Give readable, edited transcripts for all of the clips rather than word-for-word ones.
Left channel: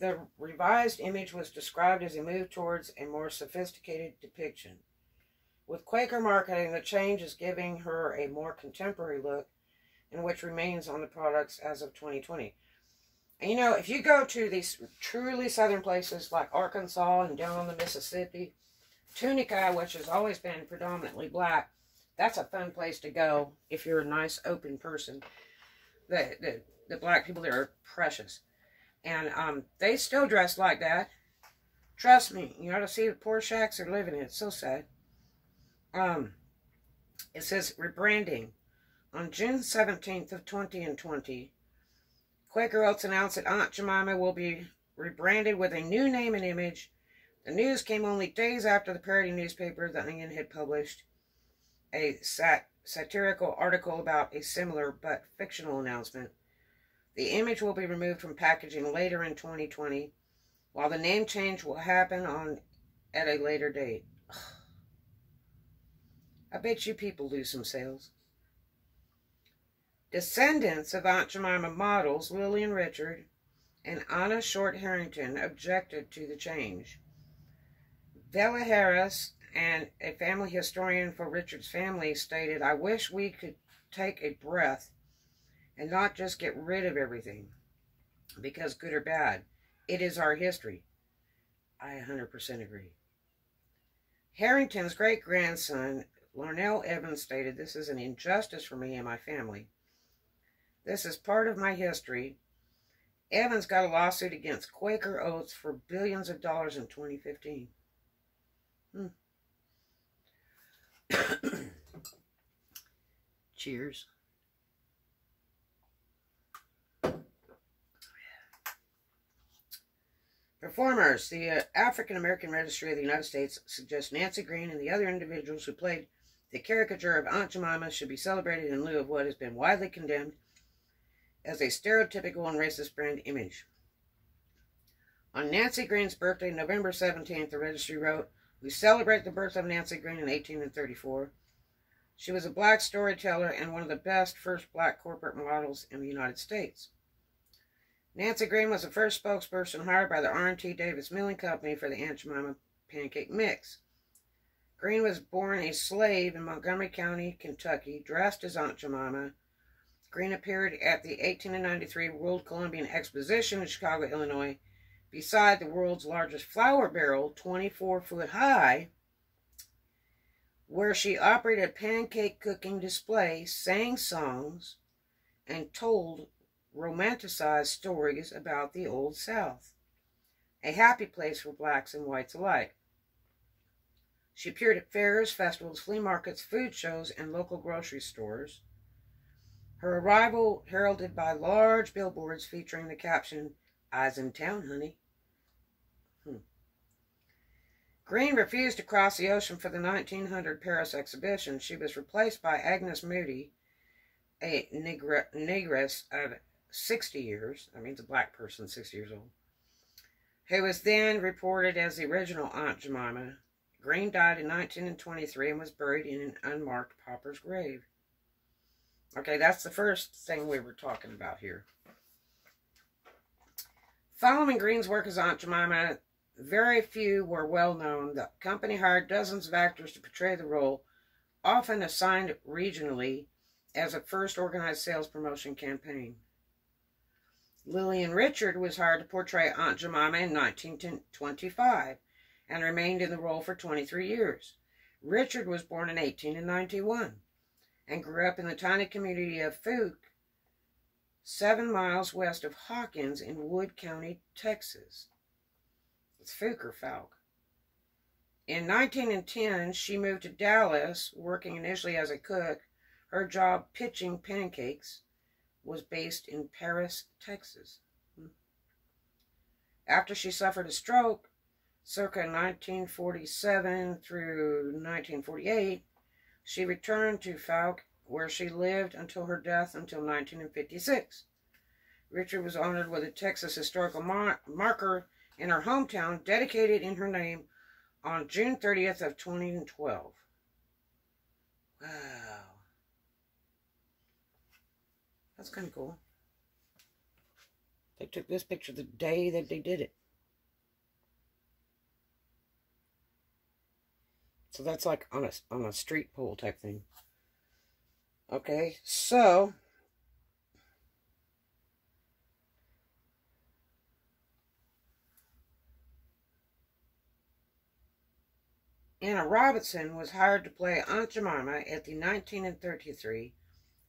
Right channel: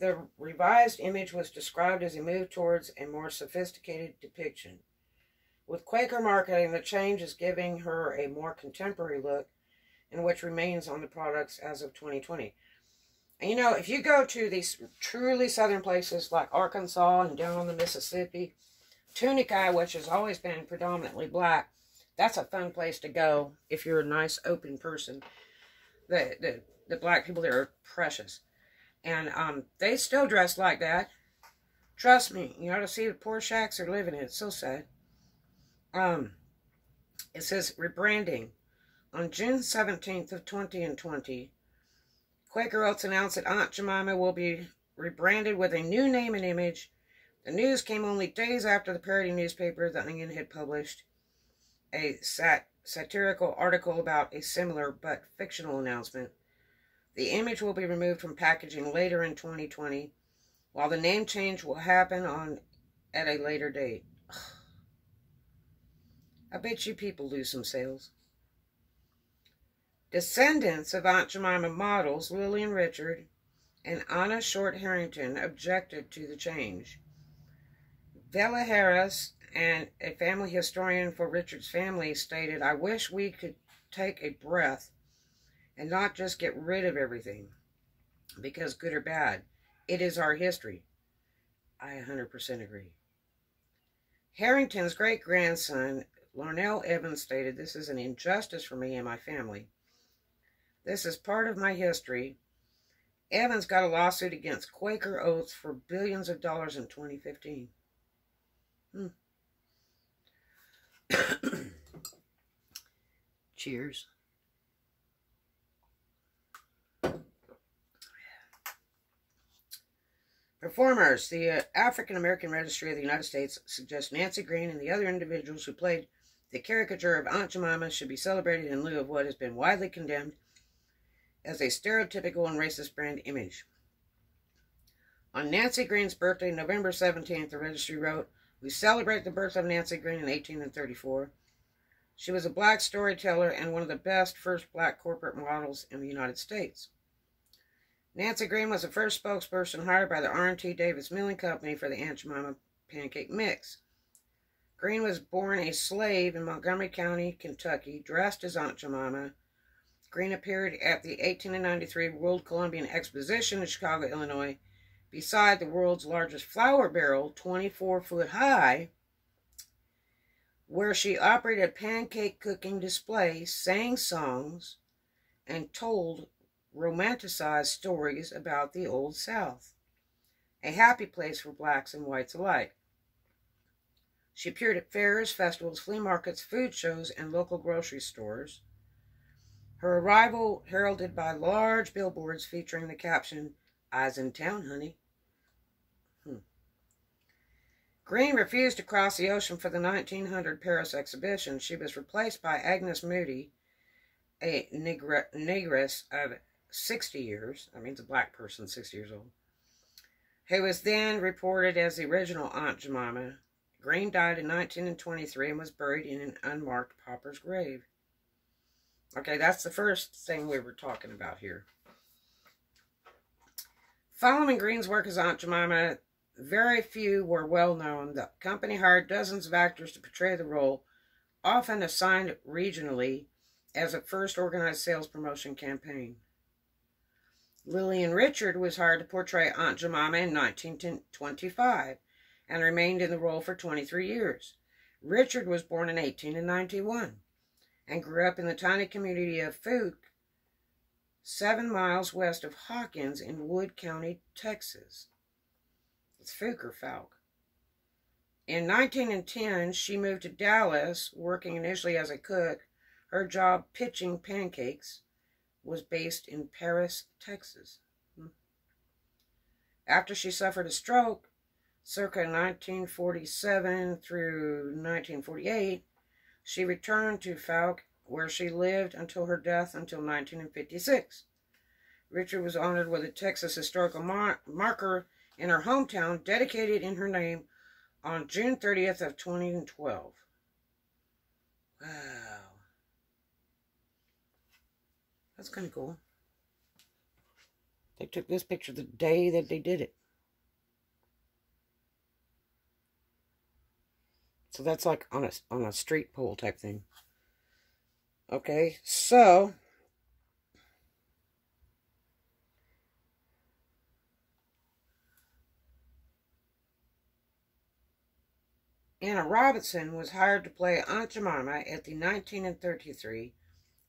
The revised image was described as a move towards a more sophisticated depiction. With Quaker marketing, the change is giving her a more contemporary look, and which remains on the products as of 2020. And you know, if you go to these truly southern places like Arkansas and down on the Mississippi, Tunica, which has always been predominantly black, that's a fun place to go if you're a nice, open person. The black people there are precious. And they still dress like that. Trust me, you ought to see the poor shacks they're living in. It's so sad. It says rebranding. On June 17th of 2020, Quaker Oats announced that Aunt Jemima will be rebranded with a new name and image. The news came only days after the parody newspaper The Onion had published a satirical article about a similar but fictional announcement. The image will be removed from packaging later in 2020, while the name change will happen at a later date. Ugh. I bet you people lose some sales. Descendants of Aunt Jemima models Lily and Richard and Anna Short Harrington objected to the change. Bella Harris, and a family historian for Richard's family, stated, "I wish we could take a breath and not just get rid of everything, because good or bad, it is our history." I 100% agree. Harrington's great-grandson, Larnell Evans, stated, "This is an injustice for me and my family. This is part of my history." Evans got a lawsuit against Quaker Oats for billions of dollars in 2015. Cheers. Performers. The African American Registry of the United States suggests Nancy Green and the other individuals who played the caricature of Aunt Jemima should be celebrated in lieu of what has been widely condemned as a stereotypical and racist brand image. On Nancy Green's birthday, November 17th, the registry wrote, "We celebrate the birth of Nancy Green in 1834. She was a black storyteller and one of the best first black corporate models in the United States. Nancy Green was the first spokesperson hired by the R&T Davis Milling Company for the Aunt Jemima pancake mix. Green was born a slave in Montgomery County, Kentucky, dressed as Aunt Jemima. Green appeared at the 1893 World Columbian Exposition in Chicago, Illinois, beside the world's largest flour barrel, 24-foot high, where she operated a pancake cooking display, sang songs, and told romanticized stories about the Old South, a happy place for blacks and whites alike. She appeared at fairs, festivals, flea markets, food shows, and local grocery stores. Her arrival heralded by large billboards featuring the caption, 'I's in town, honey.' Green refused to cross the ocean for the 1900 Paris exhibition. She was replaced by Agnes Moody, a negress of 60 years. That means a black person, 60 years old. Who was then reported as the original Aunt Jemima. Green died in 1923 and was buried in an unmarked pauper's grave. Okay, that's the first thing we were talking about here. Following Green's work as Aunt Jemima, very few were well known. The company hired dozens of actors to portray the role, often assigned regionally as a first organized sales promotion campaign. Lillian Richard was hired to portray Aunt Jemima in 1925 and remained in the role for 23 years. Richard was born in 1891 and grew up in the tiny community of Fouke, 7 miles west of Hawkins in Wood County, Texas. It's Fouke or Falk. In 1910, she moved to Dallas, working initially as a cook. Her job, pitching pancakes, was based in Paris, Texas. After she suffered a stroke, circa 1947 through 1948, she returned to Falk, where she lived until her death until 1956. Richard was honored with a Texas historical marker in her hometown, dedicated in her name on June 30th of 2012. Wow. That's kind of cool. They took this picture the day that they did it. So that's like on a street pole type thing. Okay, so Anna Robinson was hired to play Aunt Jemima at the 1933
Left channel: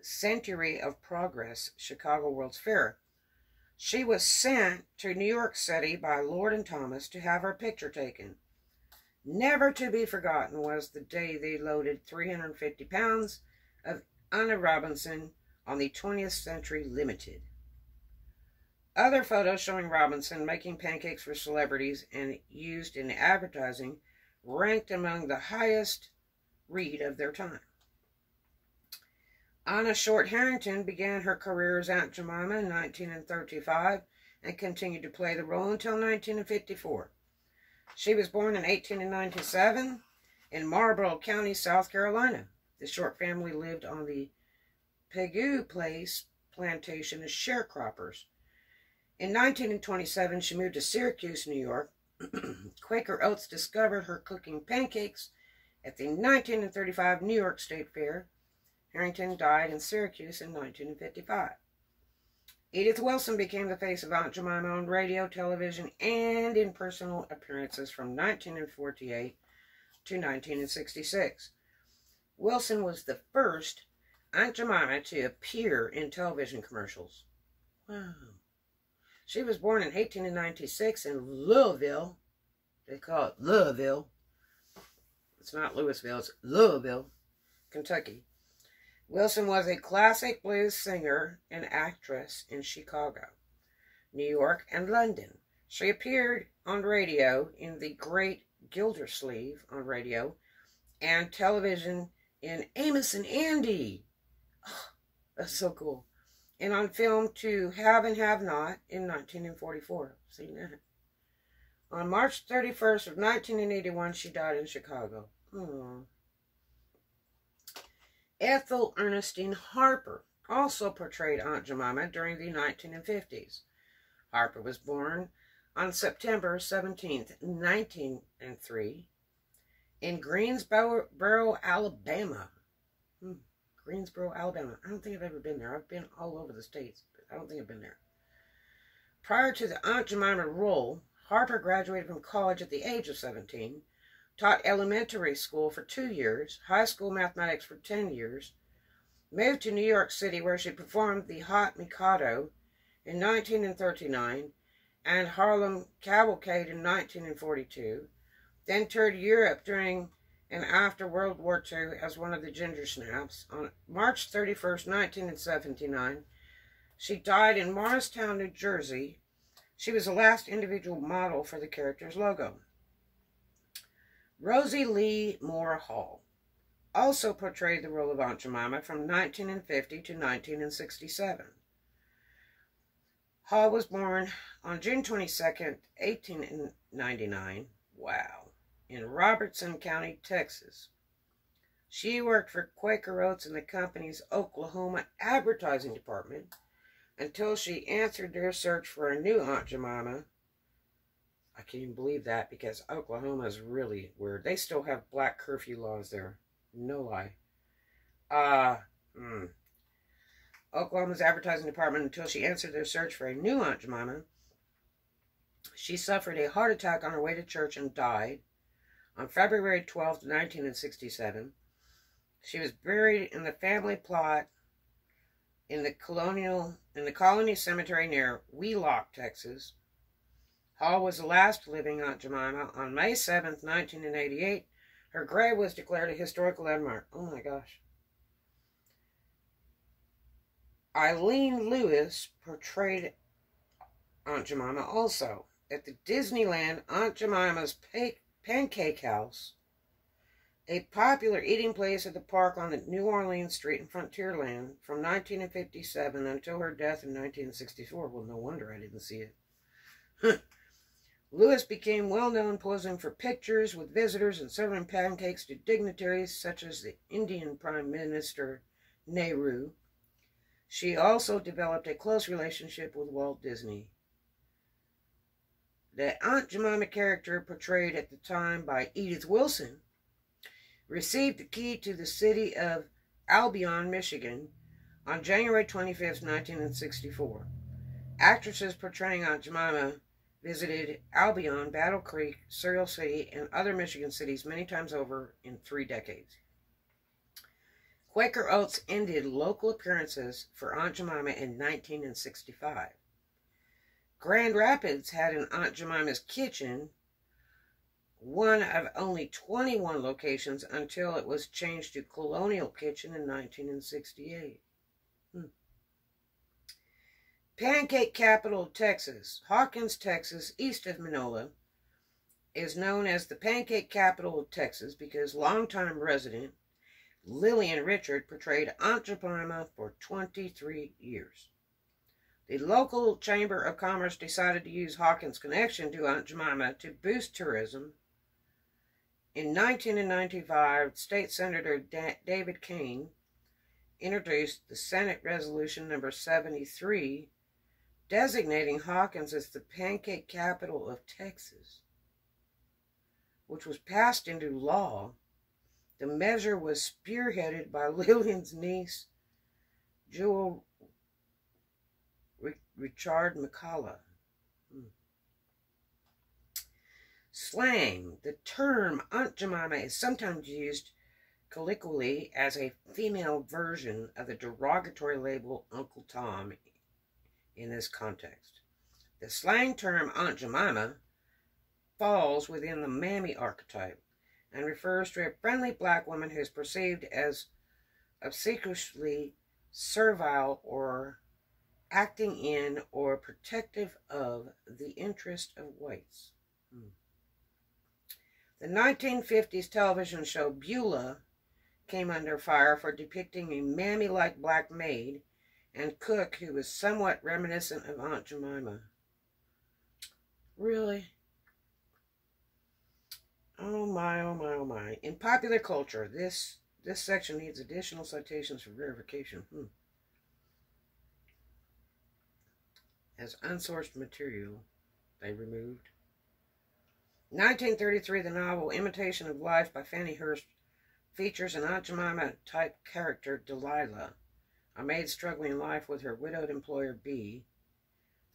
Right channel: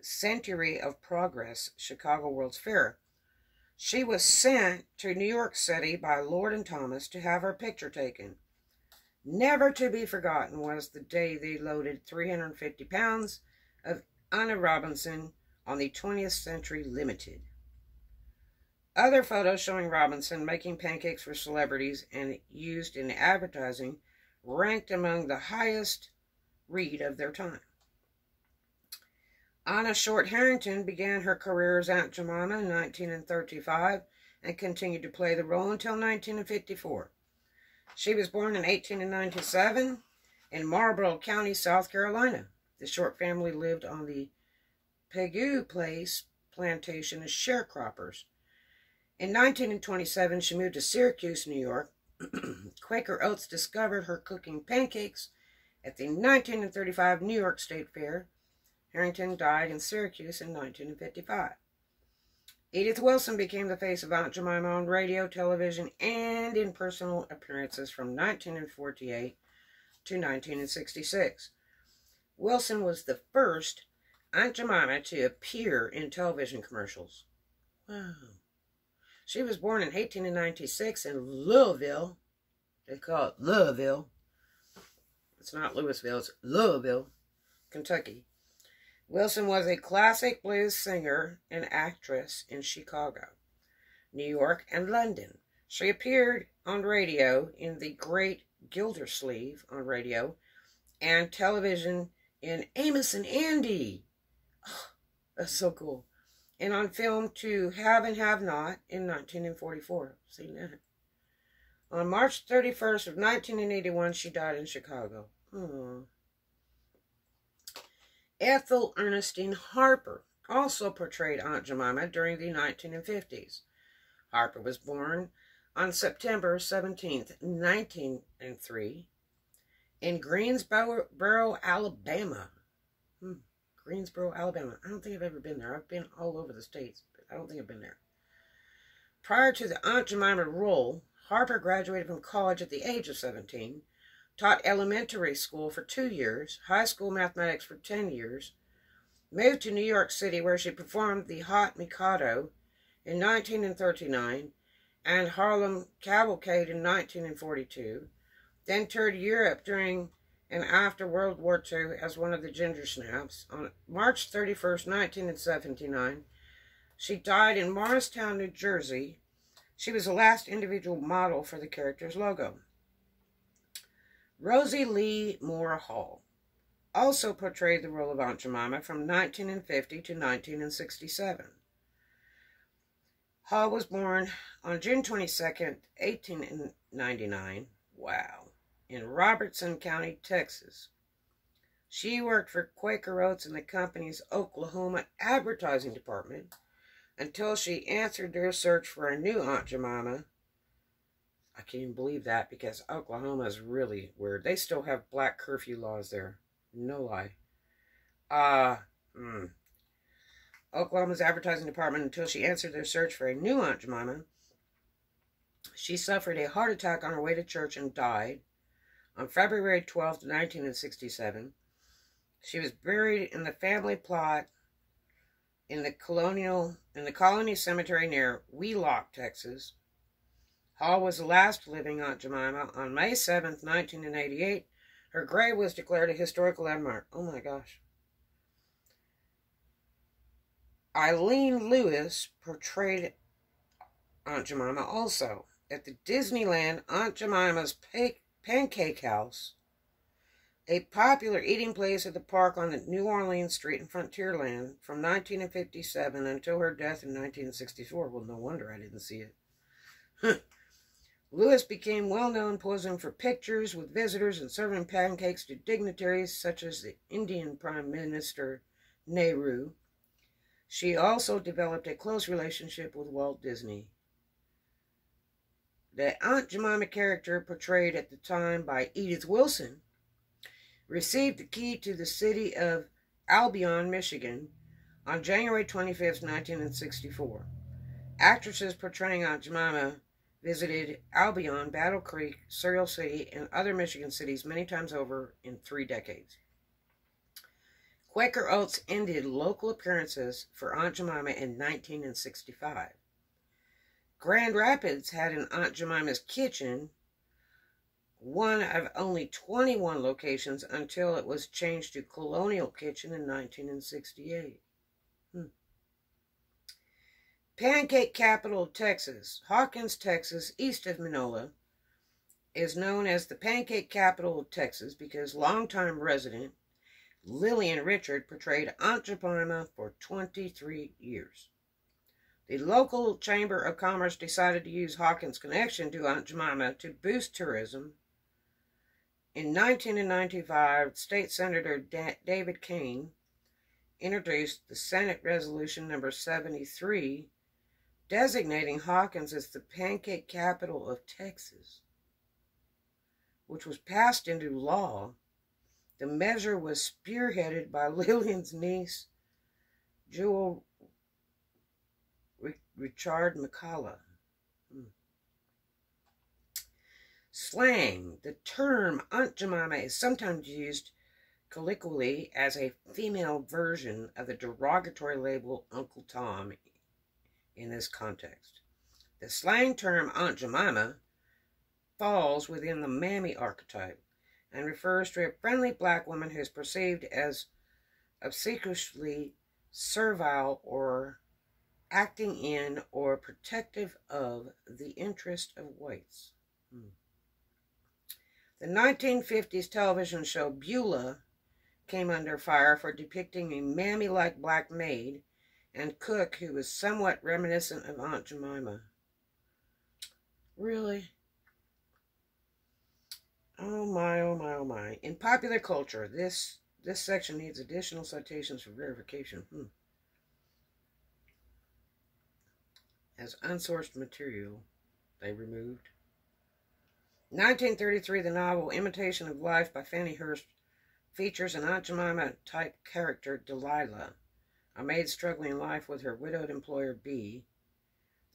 Century of Progress Chicago World's Fair. She was sent to New York City by Lord and Thomas to have her picture taken. Never to be forgotten was the day they loaded 350 pounds of Anna Robinson on the 20th Century Limited. Other photos showing Robinson making pancakes for celebrities and used in advertising ranked among the highest read of their time. Anna Short Harrington began her career as Aunt Jemima in 1935 and continued to play the role until 1954. She was born in 1897 in Marlborough County, South Carolina. The Short family lived on the Pegu Place plantation as sharecroppers. In 1927, she moved to Syracuse, New York. Quaker Oats discovered her cooking pancakes at the 1935 New York State Fair. Harrington died in Syracuse in 1955. Edith Wilson became the face of Aunt Jemima on radio, television, and in personal appearances from 1948 to 1966. Wilson was the first Aunt Jemima to appear in television commercials. Wow. She was born in 1896 in Louisville. They call it Louisville. It's not Louisville, it's Louisville, Kentucky. Wilson was a classic blues singer and actress in Chicago, New York, and London. She appeared on radio in The Great Gildersleeve on radio and television in Amos and Andy. Oh, that's so cool. And on film to Have and Have Not in 1944. Seen that. On March 31st of 1981, she died in Chicago. Aww. Ethel Ernestine Harper also portrayed Aunt Jemima during the 1950s. Harper was born on September 17th, 1903, in Greensboro, Alabama. Greensboro, Alabama. I don't think I've ever been there. I've been all over the states, but I don't think I've been there. Prior to the Aunt Jemima role, Harper graduated from college at the age of 17, taught elementary school for 2 years, high school mathematics for 10 years, moved to New York City where she performed The Hot Mikado in 1939 and Harlem Cavalcade in 1942, then toured Europe during and after World War II as one of the Ginger Snaps. On March 31st, 1979, she died in Morristown, New Jersey. She was the last individual model for the character's logo. Rosie Lee Moore Hall also portrayed the role of Aunt Jemima from 1950 to 1967. Hall was born on June 22nd, 1899, wow, in Robertson County, Texas. She worked for Quaker Oats in the company's Oklahoma advertising department until she answered their search for a new Aunt Jemima. I can't even believe that because Oklahoma is really weird. They still have black curfew laws there. No lie. Oklahoma's advertising department until she answered their search for a new Aunt Jemima. She suffered a heart attack on her way to church and died on February 12th, 1967. She was buried in the family plot in the Colony Cemetery near Wheelock, Texas. Hall was the last living Aunt Jemima. On May 7th, 1988, her grave was declared a historical landmark. Oh my gosh. Eileen Lewis portrayed Aunt Jemima also at the Disneyland Aunt Jemima's Pancake House, a popular eating place at the park on the New Orleans Street in Frontierland from 1957 until her death in 1964. Well, no wonder I didn't see it. Lewis became well-known posing for pictures with visitors and serving pancakes to dignitaries such as the Indian Prime Minister Nehru. She also developed a close relationship with Walt Disney. The Aunt Jemima character, portrayed at the time by Edith Wilson, received the key to the city of Albion, Michigan, on January 25th, 1964. Actresses portraying Aunt Jemima visited Albion, Battle Creek, Cereal City, and other Michigan cities many times over in 3 decades. Quaker Oats ended local appearances for Aunt Jemima in 1965. Grand Rapids had an Aunt Jemima's Kitchen, one of only 21 locations until it was changed to Colonial Kitchen in 1968. Pancake capital of Texas, Hawkins, Texas, east of Minola, is known as the pancake capital of Texas because longtime resident Lillian Richard portrayed Aunt Jemima for 23 years. The local Chamber of Commerce decided to use Hawkins' connection to Aunt Jemima to boost tourism. In 1995, State Senator David Kane introduced the Senate Resolution number 73, designating Hawkins as the pancake capital of Texas, which was passed into law. The measure was spearheaded by Lillian's niece, Jewel Richard McCullough. Slang. The term Aunt Jemima is sometimes used colloquially as a female version of the derogatory label Uncle Tom in this context. The slang term Aunt Jemima falls within the mammy archetype and refers to a friendly black woman who is perceived as obsequiously servile or acting in or protective of the interest of whites. The 1950s television show Beulah came under fire for depicting a mammy-like black maid and cook who was somewhat reminiscent of Aunt Jemima. Really? Oh my, oh my, oh my. In popular culture, this section needs additional citations for verification. As unsourced material, they removed. 1933, the novel Imitation of Life by Fannie Hurst features an Aunt Jemima-type character, Delilah, a maid struggling in life with her widowed employer, B.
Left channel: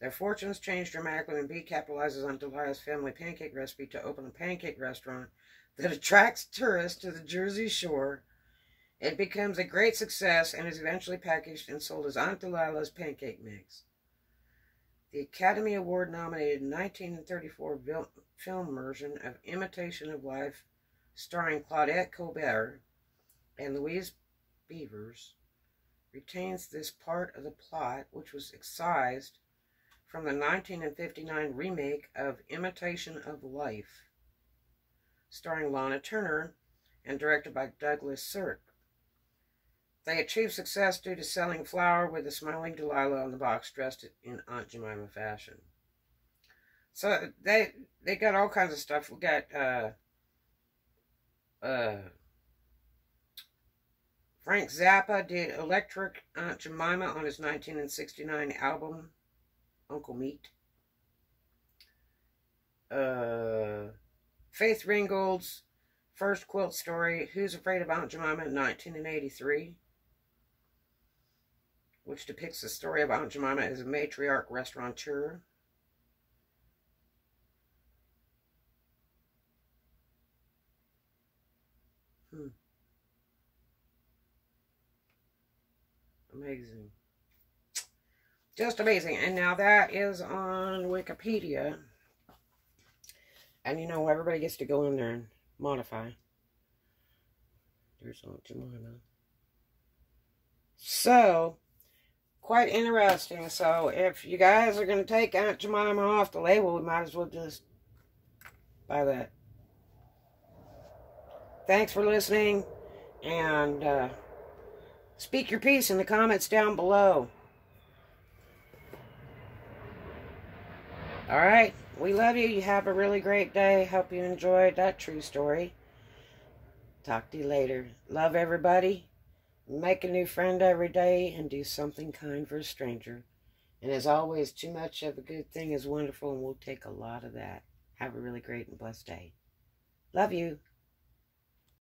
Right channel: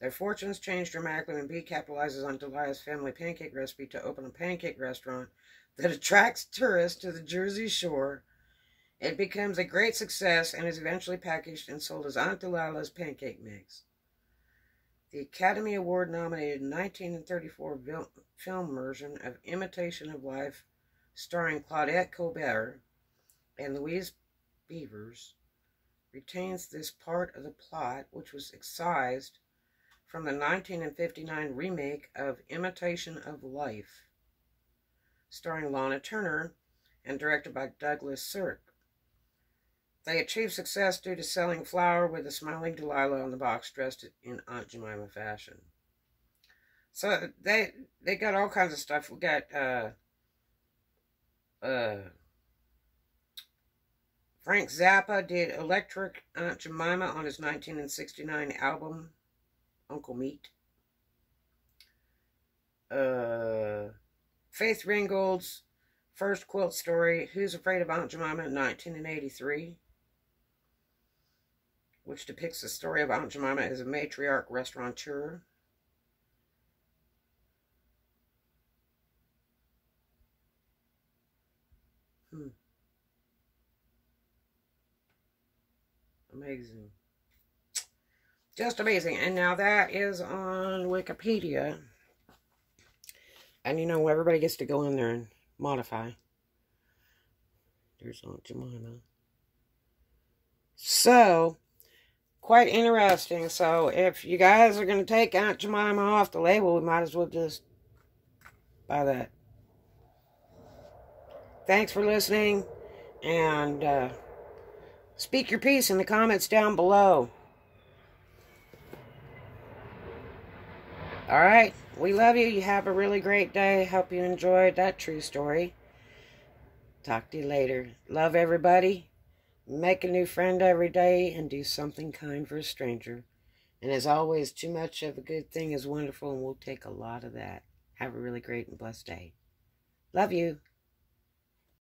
Their fortunes change dramatically when B capitalizes on Delilah's family pancake recipe to open a pancake restaurant that attracts tourists to the Jersey Shore. It becomes a great success and is eventually packaged and sold as Aunt Delilah's Pancake Mix. The Academy Award-nominated 1934 film version of Imitation of Life, starring Claudette Colbert and Louise Beavers, retains this part of the plot, which was excised from the 1959 remake of Imitation of Life, starring Lana Turner and directed by Douglas Sirk. They achieved success due to selling flour with a smiling Delilah on the box dressed in Aunt Jemima fashion. So they got all kinds of stuff. We got Frank Zappa did Electric Aunt Jemima on his 1969 album Uncle Meat. Faith Ringgold's first quilt story, Who's Afraid of Aunt Jemima, in 1983, which depicts the story of Aunt Jemima as a matriarch restaurateur. Amazing. Just amazing. And now that is on Wikipedia. And you know, everybody gets to go in there and modify. There's Aunt Jemima. So, quite interesting. So, if you guys are going to take Aunt Jemima off the label, we might as well just buy that. Thanks for listening. And speak your piece in the comments down below. Alright, we love you. You have a really great day. Hope you enjoyed that true story. Talk to you later. Love everybody. Make a new friend every day and do something kind for a stranger. And as always, too much of a good thing is wonderful, and we'll take a lot of that. Have a really great and blessed day. Love you.